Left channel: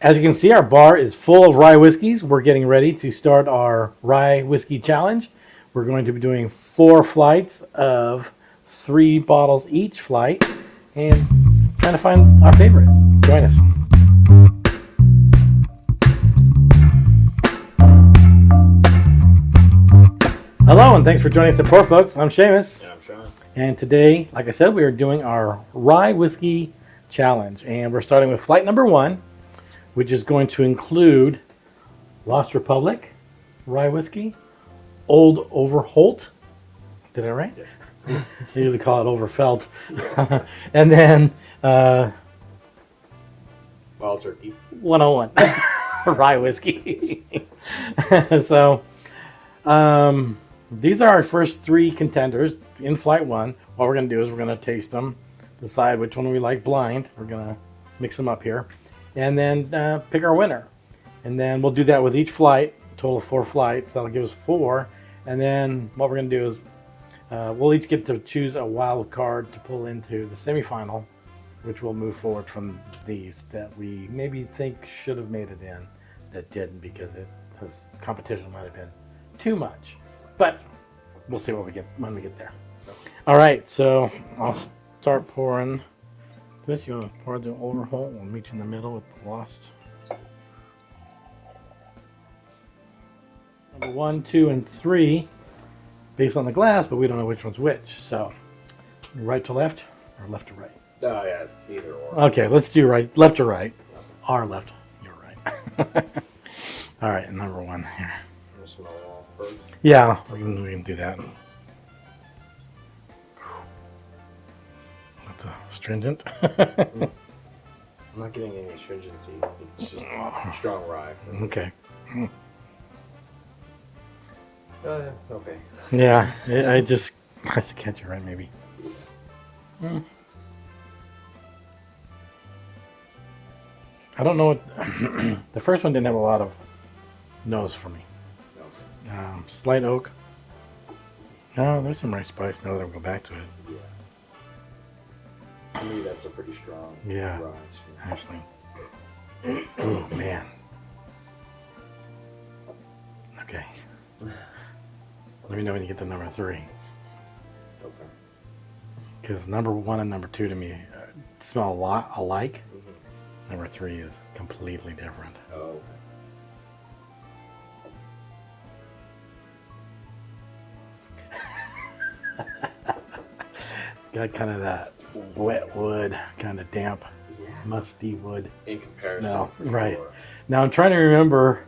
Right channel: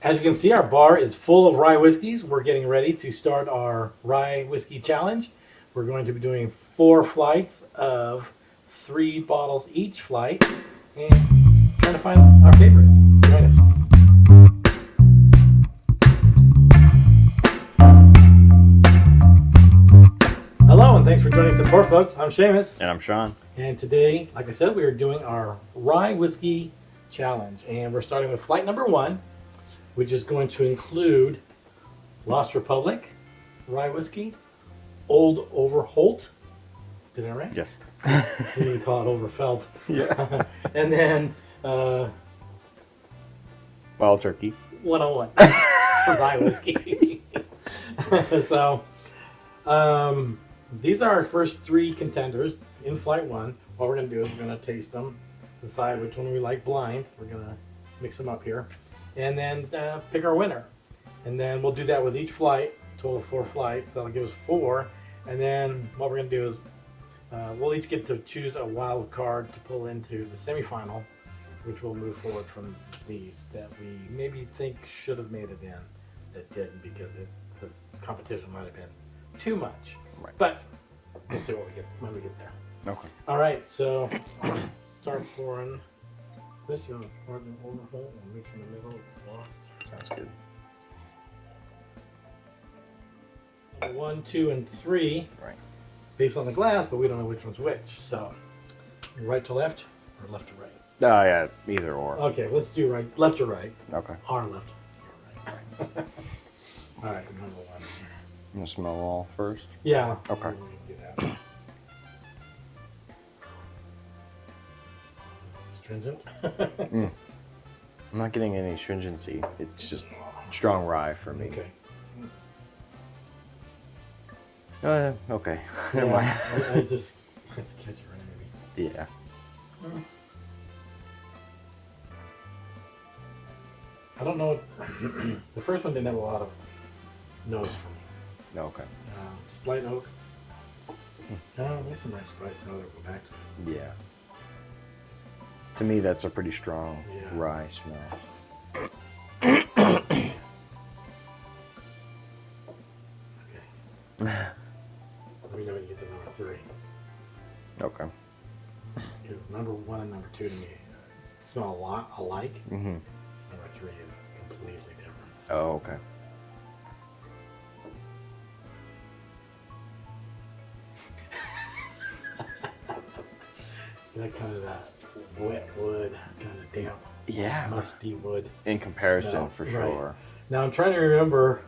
As you can see, our bar is full of rye whiskeys. We're getting ready to start our rye whiskey challenge. We're going to be doing 4 flights of 3 bottles each flight and trying to find our favorite. Join us. Hello and thanks for joining us at Pour, folks. I'm Seamus. And I'm Sean. And today, like I said, we are doing our rye whiskey challenge. And we're starting with flight number 1, which is going to include Lost Republic rye whiskey, Old Overholt. Did I right? Yes. I usually call it Overfelt. Yeah. And then Wild turkey. 101 rye whiskey. So these are our first 3 contenders in flight 1. What we're going to do is we're going to taste them, decide which one we like blind. We're going to mix them up here, and then pick our winner. And then we'll do that with each flight, total of 4 flights. That'll give us 4. And then what we're going to do is we'll each get to choose a wild card to pull into the semifinal, which will move forward from these that we maybe think should have made it in that didn't because competition might have been too much. Right. But we'll see what we get when we get there. Okay. All right, so I'll start pouring this. You want to pour the Overholt? We'll meet you in the middle with the Lost. Sounds good. Number 1, 2, and 3, Right. based on the glass, but we don't know which one's which. So, right to left or left to right? Oh, yeah, either or. Okay, let's do left to right. Okay. Our left, your right. All right, number 1 here. I'm going to smell it all first. Yeah, Okay. we can do that. That's astringent. I'm not getting any stringency. It's just strong rye for me. Okay. Okay. Yeah, I just catch it right, maybe. Yeah. I don't know what the first one didn't have a lot of nose for me. Okay. Slight oak. Oh, there's some rice spice now that I'll go back to it. Yeah. To me, that's a pretty strong Yeah. rye smell. Actually. Oh, man. Okay. Let me know when you get to number 3. Okay. Because number 1 and number 2 to me smell a lot alike. Mm-hmm. Number 3 is completely different. Oh, okay. Got kind of that wet wood, kind of damp, Yeah. musty wood. In comparison, smell. for Right. sure. Now I'm trying to remember.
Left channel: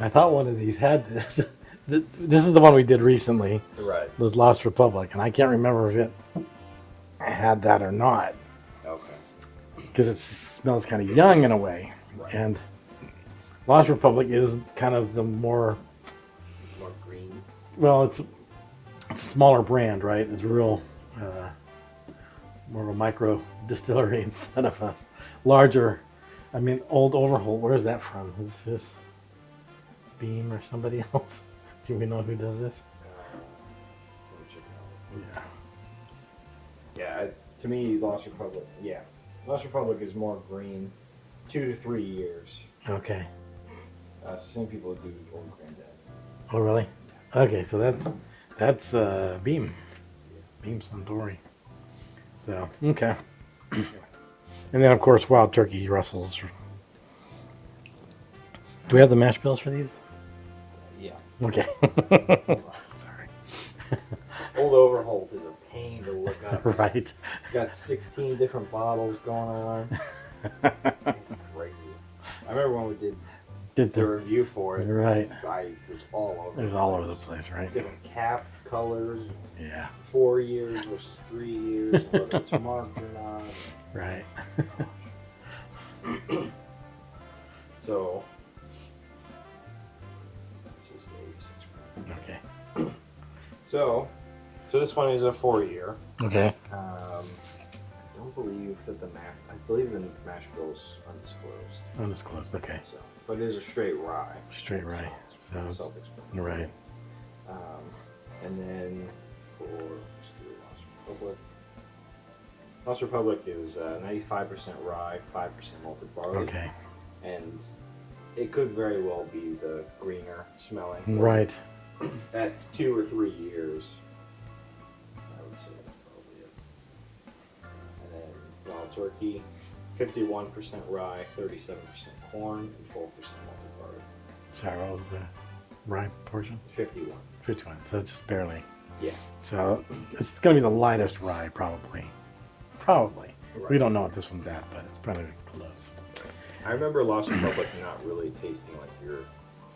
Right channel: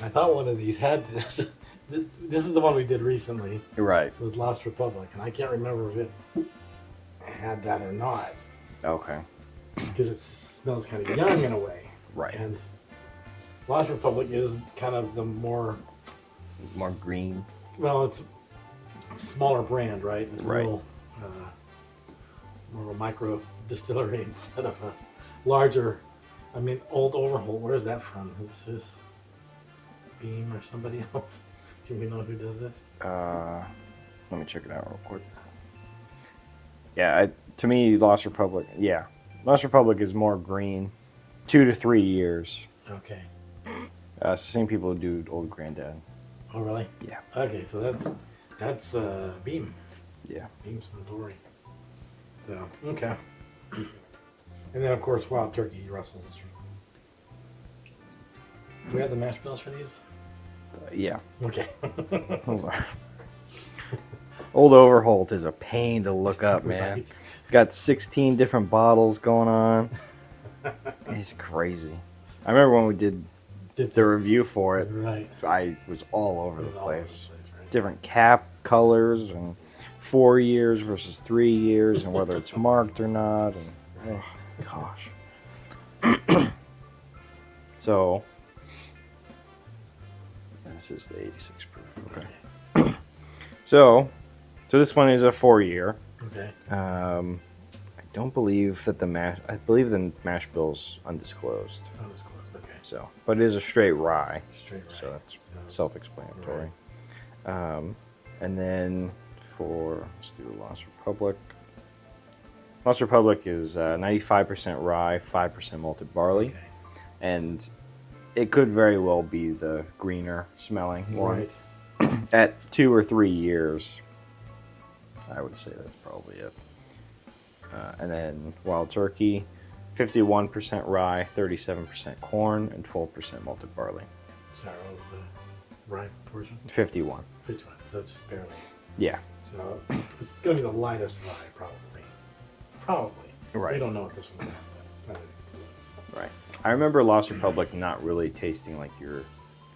I thought one of these had this. This is the one we did recently. Right. Was Lost Republic, and I can't remember if it had that or not Okay. because it smells kind of young in a way. Right. And Lost Republic is kind of the more green. well, it's a smaller brand, right? It's Right. real more of a micro distillery instead of a larger. I mean, Old Overholt. Where's that from? Is this Beam or somebody else? Do we know who does this? Let me check it out real quick. Yeah, to me, Lost Republic. Yeah, Lost Republic is more green, 2 to 3 years. Okay. It's the same people who do Old Granddad. Oh, really? Yeah. Okay, so that's Beam. Yeah. Beam Suntory. So okay. And then of course Wild Turkey Russell's. Do we have the mash bills for these? Yeah. Okay. Hold on. Sorry. Old Overholt is a pain to look up, man. Right. Got 16 different bottles going on. It's crazy. I remember when we did the review for it. Right. I was all over It the was place. all over the place, right? Different cap colors and Yeah. 4 years versus 3 years and whether it's marked or not. And, Right. gosh. So, this is the 86 proof. Okay. So this one is a 4-year. Okay. I don't believe that I believe the mash bill's undisclosed. Undisclosed. Okay. So, but it is a straight rye. Straight rye. So it's So- self-explanatory. Right. And then let's do Lost Republic. Lost Republic is 95% rye, 5% malted barley. Okay. and it could very well be the greener smelling one. Right. At 2 or 3 years, I would say that's probably it. And then Wild Turkey, 51% rye, 37% corn, and 12% malted barley. Sorry, what was the rye portion? 51. 51. So it's just barely. Yeah. So it's going to be the lightest rye, probably. Probably. Right. We don't know what this one's at, but it's probably close. Right. I remember Lost Republic not really tasting like your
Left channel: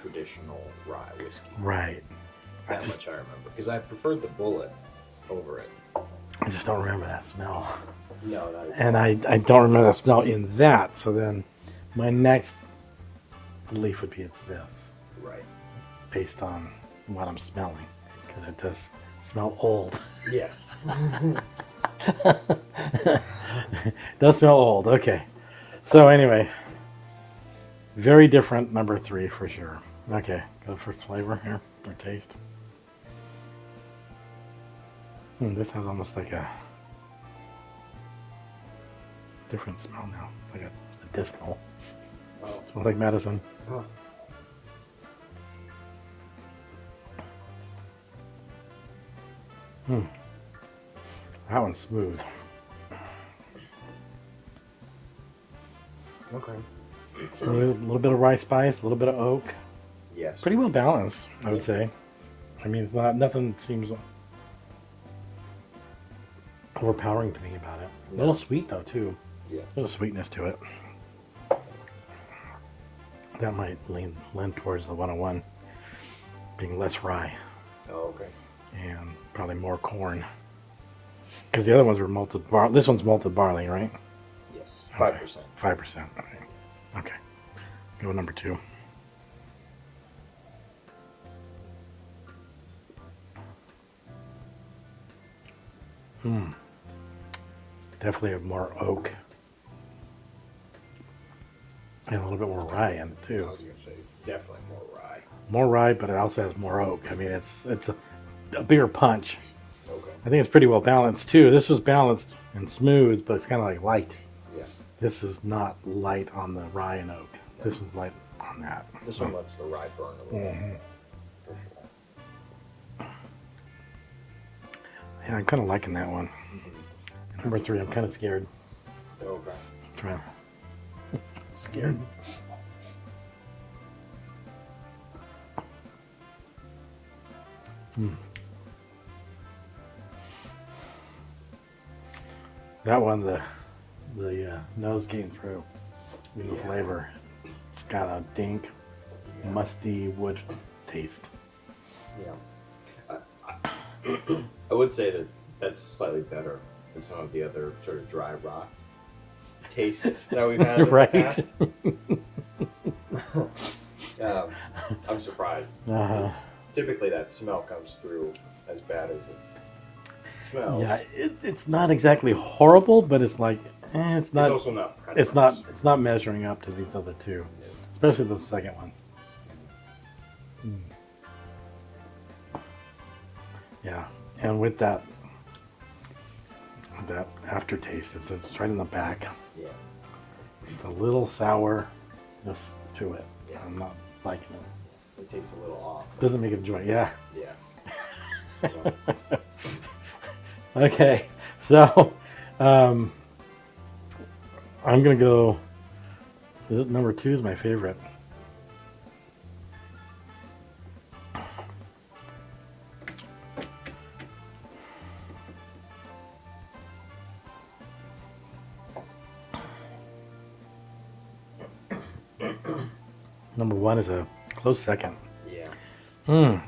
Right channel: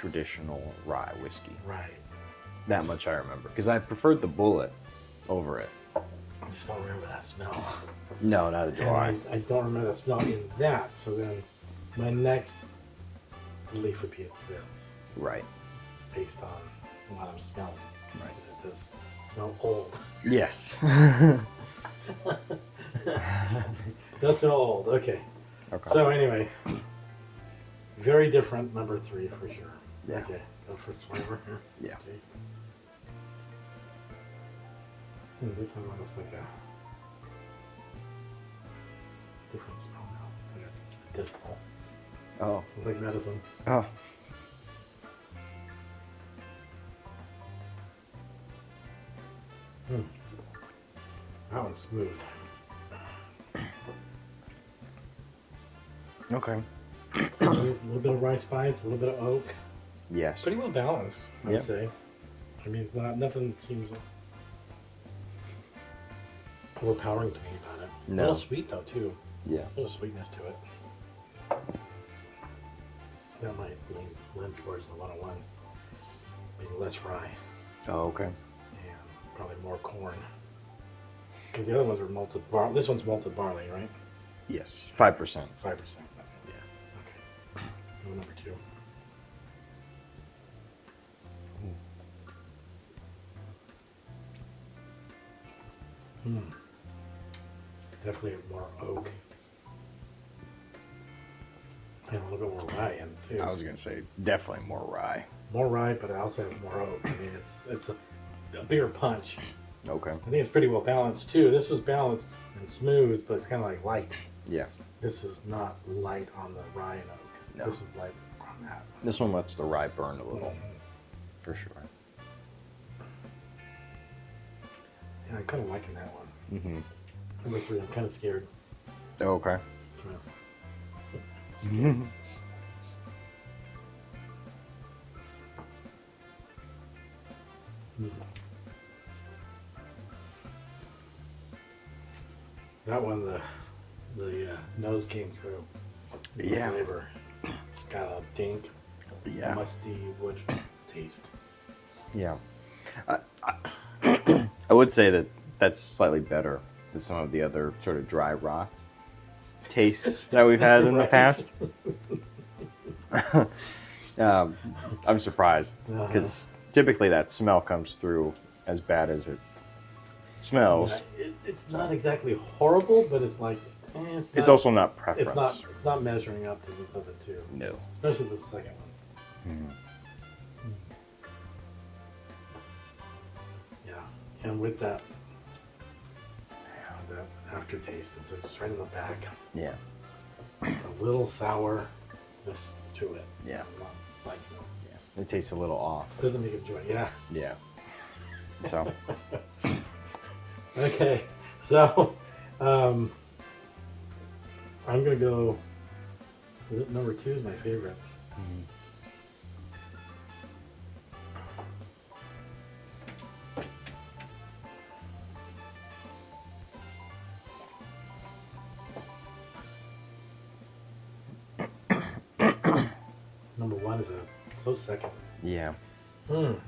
traditional rye whiskey. Right. That much I remember. Because I preferred the Bullet over it. I just don't remember that smell. No, not at And all. I don't remember the smell in that. So then my next belief would be it's this, Right. based on what I'm smelling. Because it does smell old. Yes. It does smell old. Okay. So anyway, very different number 3 for sure. Okay, go for flavor here. Yeah. Taste. This has almost like a different smell now, like a dismal. Oh. Smells like medicine. Oh. That one's smooth. Okay. Smooth, a little bit of rice spice, a little bit of oak. Yes. Pretty well balanced, I would Yep. say. I mean, it's not, nothing seems overpowering to me about it. A No. little sweet though too. Yeah. There's a sweetness to it. That might lend towards the 101 being less rye Oh, okay. and probably more corn. Because the other ones were malted barley. This one's malted barley, right? Yes. 5%. 5%. Okay. Go with number 2. Definitely have more oak. And a little bit more rye in it too. I was gonna say definitely more rye. More rye, but it also has more oak. I mean, it's a bigger punch. Okay. I think it's pretty well balanced too. This was balanced and smooth, but it's kind of like light. Yeah. This is not light on the rye and oak. No. This is light on that. This one lets the rye burn a little, Mhm. for sure. Yeah, I'm kind of liking that one. Mm-hmm. Number 3, I'm kind of scared. Oh, okay. Try. Scared. That one, the nose came through. The Yeah. flavor. It's got a dink, Yeah. musty wood taste. Yeah. I would say that that's slightly better than some of the other sort of dry rot tastes that we've had in Right. the past. I'm surprised because typically that smell comes through as bad as it smells. Yeah, it's not exactly horrible, but it's like it's not. It's also not preference. It's not measuring up to these other two, No. especially the second one. Yeah, and with that aftertaste, it's right in the back. Yeah. A little sourness to it. Yeah. I'm not liking it. It tastes a little off. Doesn't make it enjoy. Yeah. Yeah. So. Okay, so I'm gonna go. Number 2 is my favorite. Number 1 is a close second. Yeah. I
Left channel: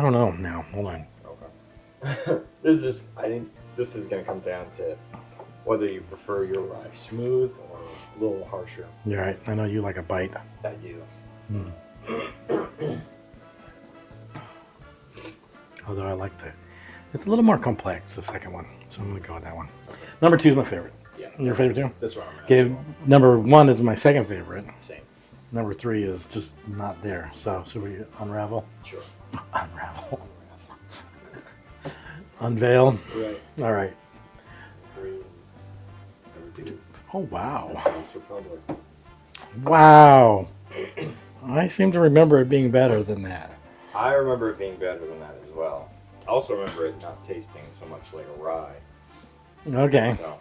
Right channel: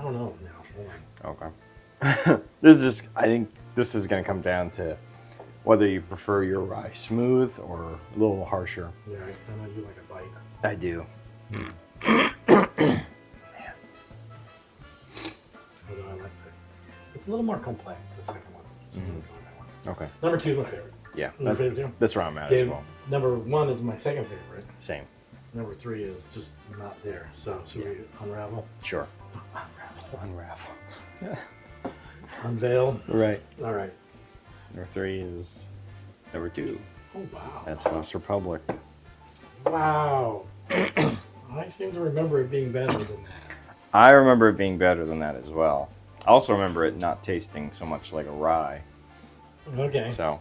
don't know now. Hold on. Okay. I think this is going to come down to whether you prefer your rye smooth or a little harsher. You're right. I know you like a bite. I do. Although I like it's a little more complex, the second one. So I'm gonna go with that one. Okay. Number 2 is my favorite. Yeah. Your favorite too? That's where I'm at Okay. as well. Number 1 is my second favorite. Same. Number 3 is just not there. So should we unravel? Sure. Unravel. Unravel. Unveil. Right. All right. Number 3 is number 2. Oh wow. That's Lost Republic. Wow. I seem to remember it being better than that. I remember it being better than that as well. I also remember it not tasting so much like a rye. Okay. So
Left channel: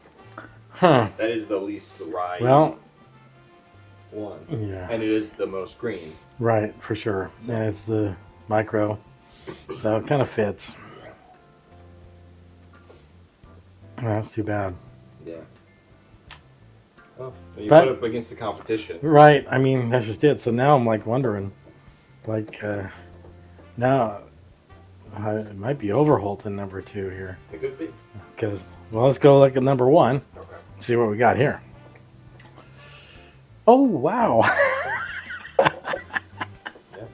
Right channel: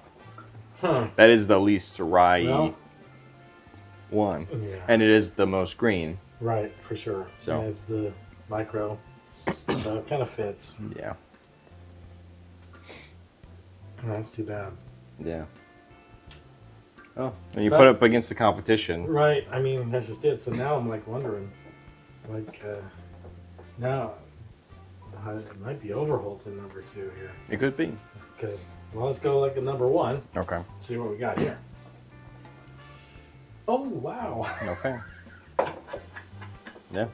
Huh. that is the least rye Well, one. yeah. And it is the most green. Right, for sure. So- Yeah, it's the micro. So it kind of fits. Yeah. Well, that's too bad. Yeah. Oh, and you But- put it up against the competition. Right. I mean, that's just it. So now I'm like wondering, like, now it might be Overholt in number 2 here. It could be. Because, well, let's go like at number 1. Okay. See what we got here. Oh, wow. Okay. Yeah.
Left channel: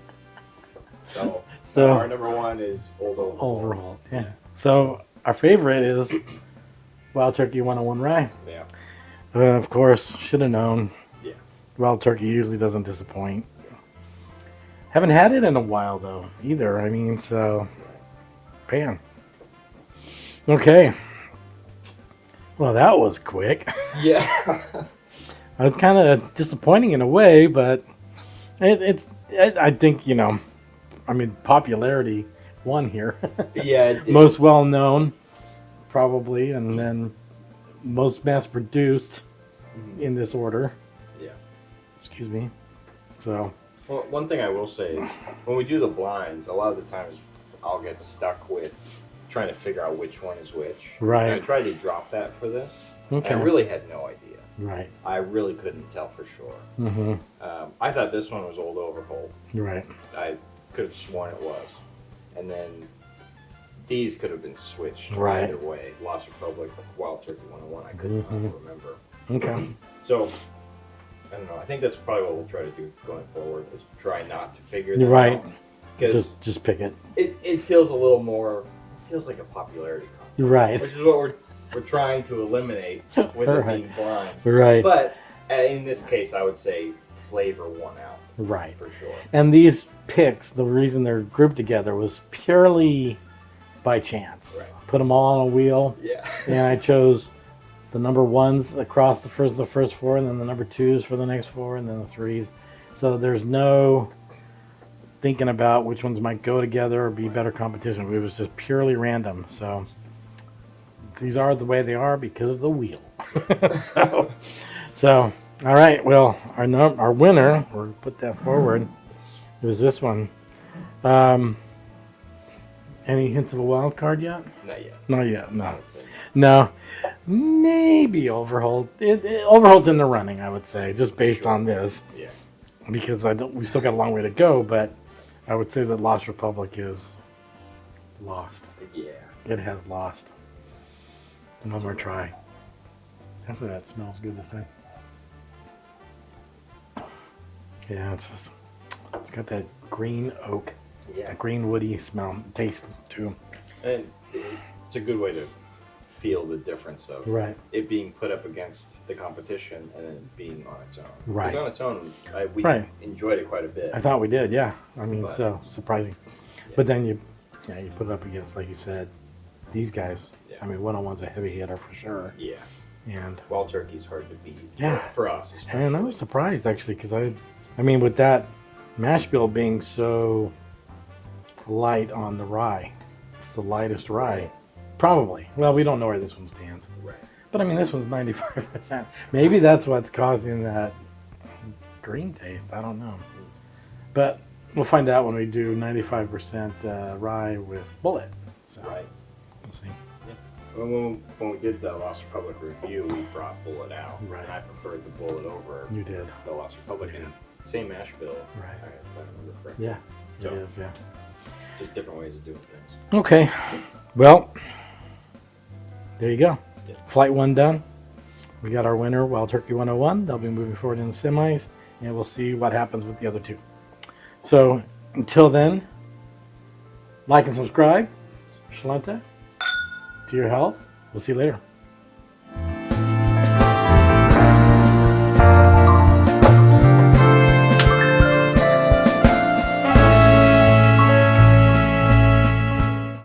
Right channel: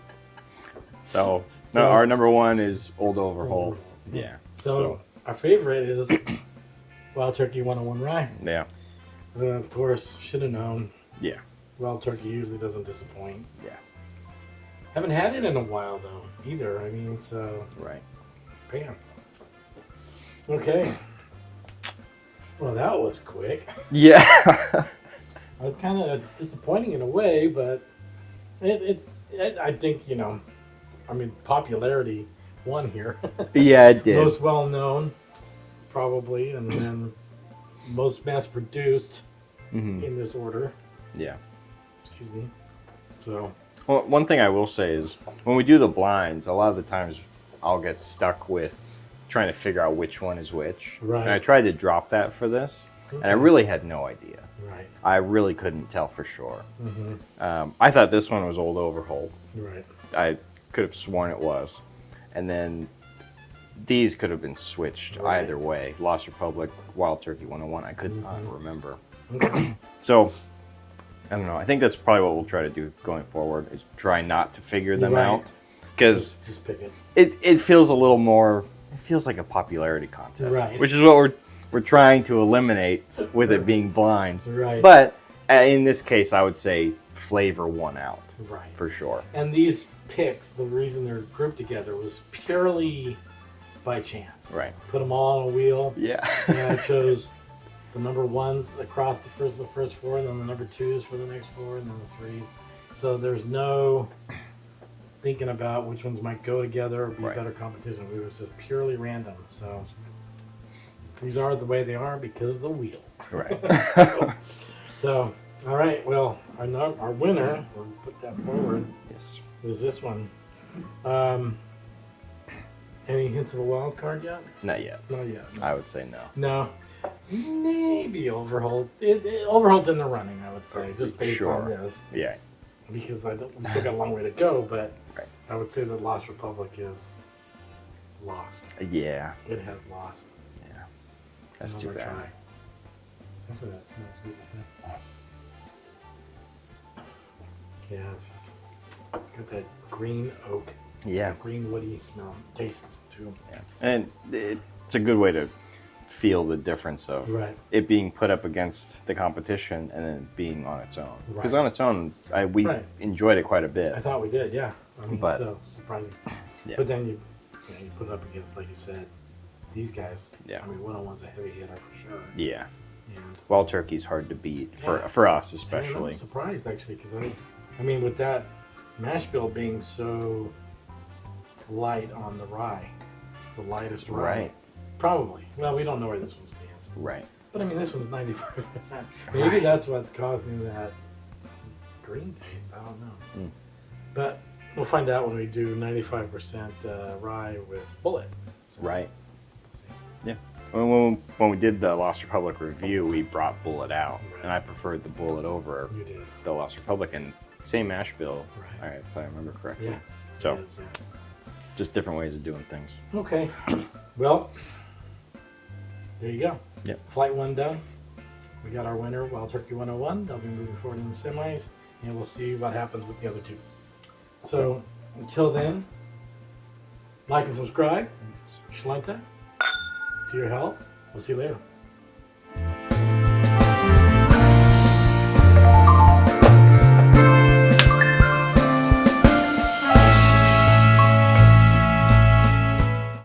So, So- no, our number 1 is Old Overholt. Overholt. Yeah. Yeah. So our favorite is Wild Turkey 101 Rye. Yeah. Of course, should have known. Yeah. Wild Turkey usually doesn't disappoint. Yeah. Haven't had it in a while though, either. I mean, so Right. pan. Okay. Well, that was quick. Yeah. It was kind of disappointing in a way, but I think, you know, I mean, popularity won here. Yeah, it did. Most well known, probably, and then most mass produced Mhm. in this order. Yeah. Excuse me. So, Well, one thing I will say is when we do the blinds, a lot of the times I'll get stuck with trying to figure out which one is which. Right. And I tried to drop that for this, and I Okay. really had no idea. right. I really couldn't tell for sure. Mm-hmm. I thought this one was Old Overholt. Right. I could have sworn it was. And then these could have been switched Right. either way. Lost Republic, Wild Turkey 101, I could not Mhm. remember. Okay. So, I don't know. I think that's probably what we'll try to do going forward is try not to figure them Right. out. Because just pick it. it feels a little more, it feels like a popularity contest. Right. Which is what we're trying to eliminate with it Right. being blinds. Right. But in this case, I would say flavor won out Right. for sure. And these picks, the reason they're grouped together was purely by chance. Right. Put them all on a wheel, Yeah. and I chose the number 1s across the first 4, and then the number 2s for the next 4, and then the 3s. So there's no thinking about which ones might go together or be Right. better competition. It was just purely random. So these are the way they are because of the wheel. Right. So, all right. Well, our winner, we'll put that forward, Yes. is this one. Any hints of a wild card yet? Not yet. Not yet. I No. would say no. No. Maybe Overholt. Overholt's in the running, I would say, just based on Sure. this, Yeah. because we still got a long way to go. But Right. I would say that Lost Republic is lost. Yeah. It has lost. That's One too more bad. try. After that smells good to say. Yeah, it's got that green oak, Yeah. green woody smell, taste too. And it's a good way to feel the difference of Right. it being put up against the competition and then being on its own. Because Right. on its own, we Right. enjoyed it quite a bit. I thought we did, yeah. I mean, But- so surprising. Yeah. But then you put it up against, like you said, these guys. Yeah. I mean, 101's a heavy hitter for sure. Yeah. And Wild Turkey's hard to beat Yeah. for us and especially. I was surprised actually because I mean, with that mash bill being so light on the rye, it's the lightest rye. Right. Probably. Well, we don't know where this one stands. Right. But I mean, this one's 95%. Maybe that's what's causing that green taste. I don't know. Mm. But we'll find out when we do 95% rye with bullet. So Right. We'll see. When we did the Lost Republic review, we brought Bullet out, Right. and I preferred the Bullet over You did. the Lost Republic, and same mash bill, Right. if I remember correctly. Yeah. So It is, yeah. just different ways of doing things. Okay. Well, there you go. Yeah. Flight 1 done. We got our winner, Wild Turkey 101. They'll be moving forward in the semis, and we'll see what happens with the other 2. So, until then, like and subscribe. Shalanta. To your health. We'll see you later.